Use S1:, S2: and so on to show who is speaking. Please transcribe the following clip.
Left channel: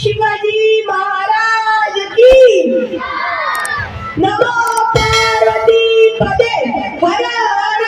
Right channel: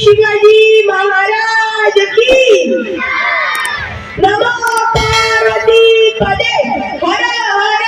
S1: শিবাজি মহারাজ কি নমো পার্বতী পদে হর হর